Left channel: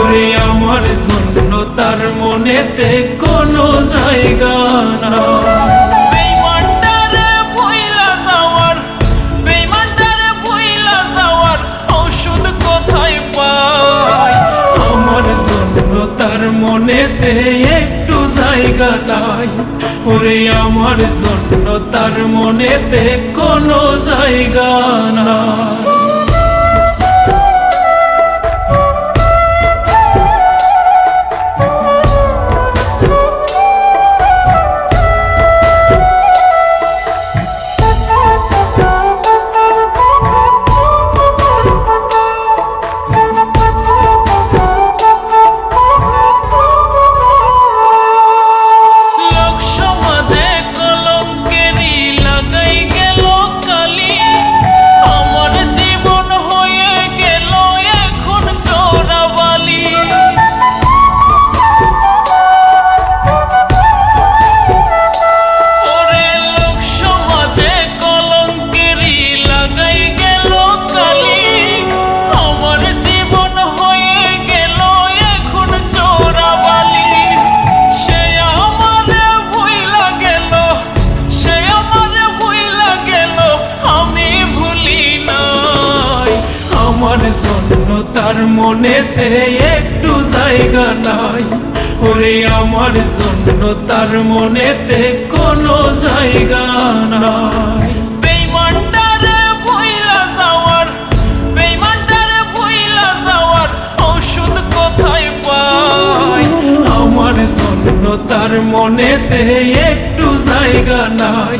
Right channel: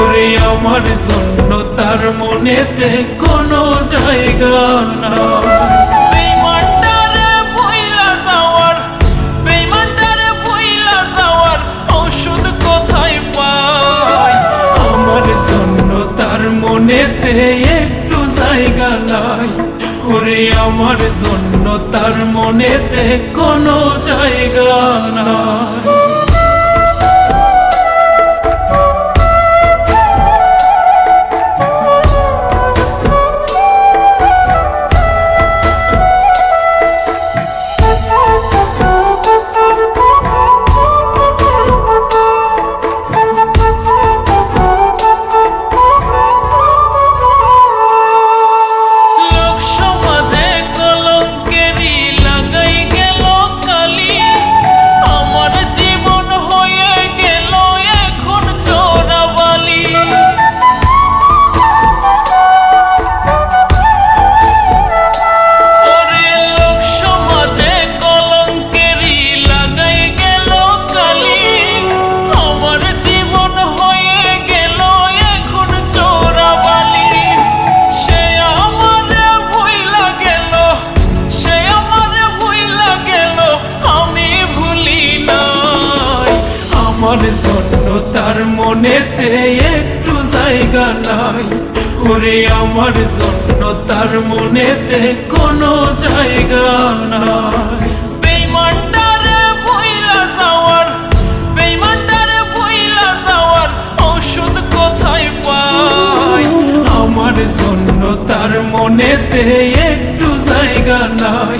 ওরে আমার জন্য তার মনেতে কোনো জায়গা না। বেঈমানটারে ভুইলা যাওয়ার, বেঈমানটারে ভুইলা যাওয়ার ঔষধ কোথায় পাই? আমার জন্য তার মনেতে একটু জায়গা নাই। ওরে আমার জন্য তার মনেতে কোনো জায়গা নাই। আমার জন্য তার মনেতে একটু জায়গা নাই। ওরে আমার জন্য তার মনেতে কোনো জায়গা নাই। বেঈমানটারে ভুইলা যাওয়ার, বেঈমানটারে ভুইলা যাওয়ার ঔষধ কোথায় পাই? আমার জন্য তার মনেতে একটু জায়গা নাই।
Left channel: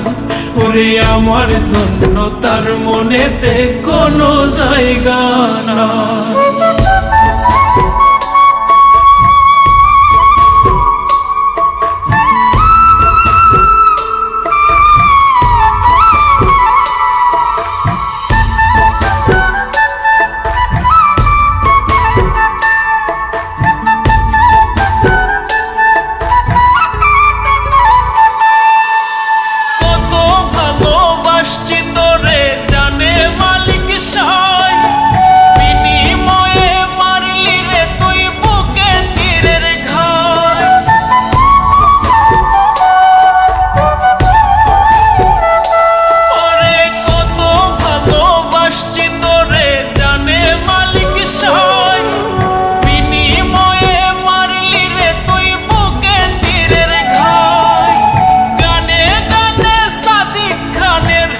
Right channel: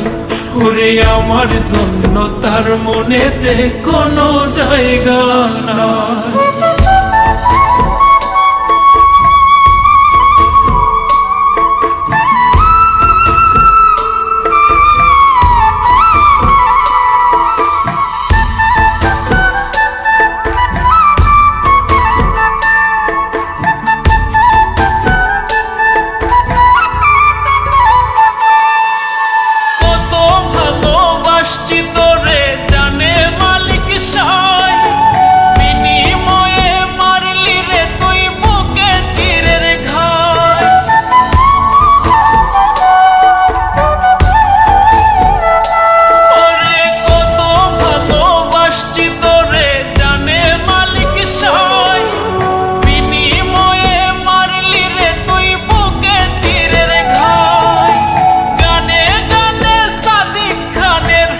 ওরে আমার জন্য তার মনেতে কোনো জায়গা নাই। তোরে জানে মালিক সাই, বিনিময়ে মারলি রে তুই বুকে তীরের ঘাই। ওরে কত ভালোবাসছি তোরে জানে মালিক সাই, বিনিময়ে মারলি রে তুই বুকে তীরের ঘাই। গানে গানে সাদিক খানের,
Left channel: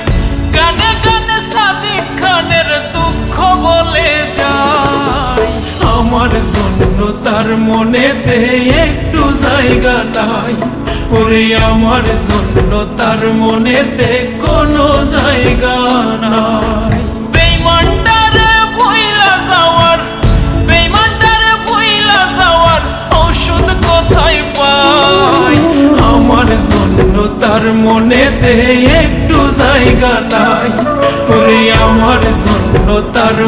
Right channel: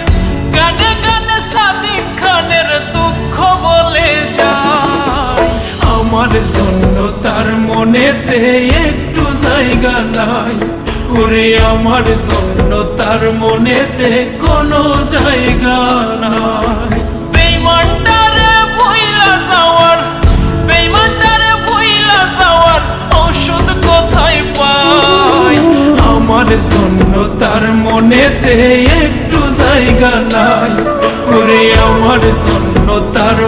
গানে গানে সাদিক খানের দুঃখ বলে যায়। আমার জন্য তার মনেতে একটু জায়গা নাই। ওরে আমার জন্য তার মনেতে কোনো জায়গা নাই। বেঈমানটারে ভুইলা যাওয়ার, বেঈমানটারে ভুইলা যাওয়ার ঔষধ কোথায় পাই? আমার জন্য তার মনেতে একটু জায়গা নাই। ওরে আমার জন্য তার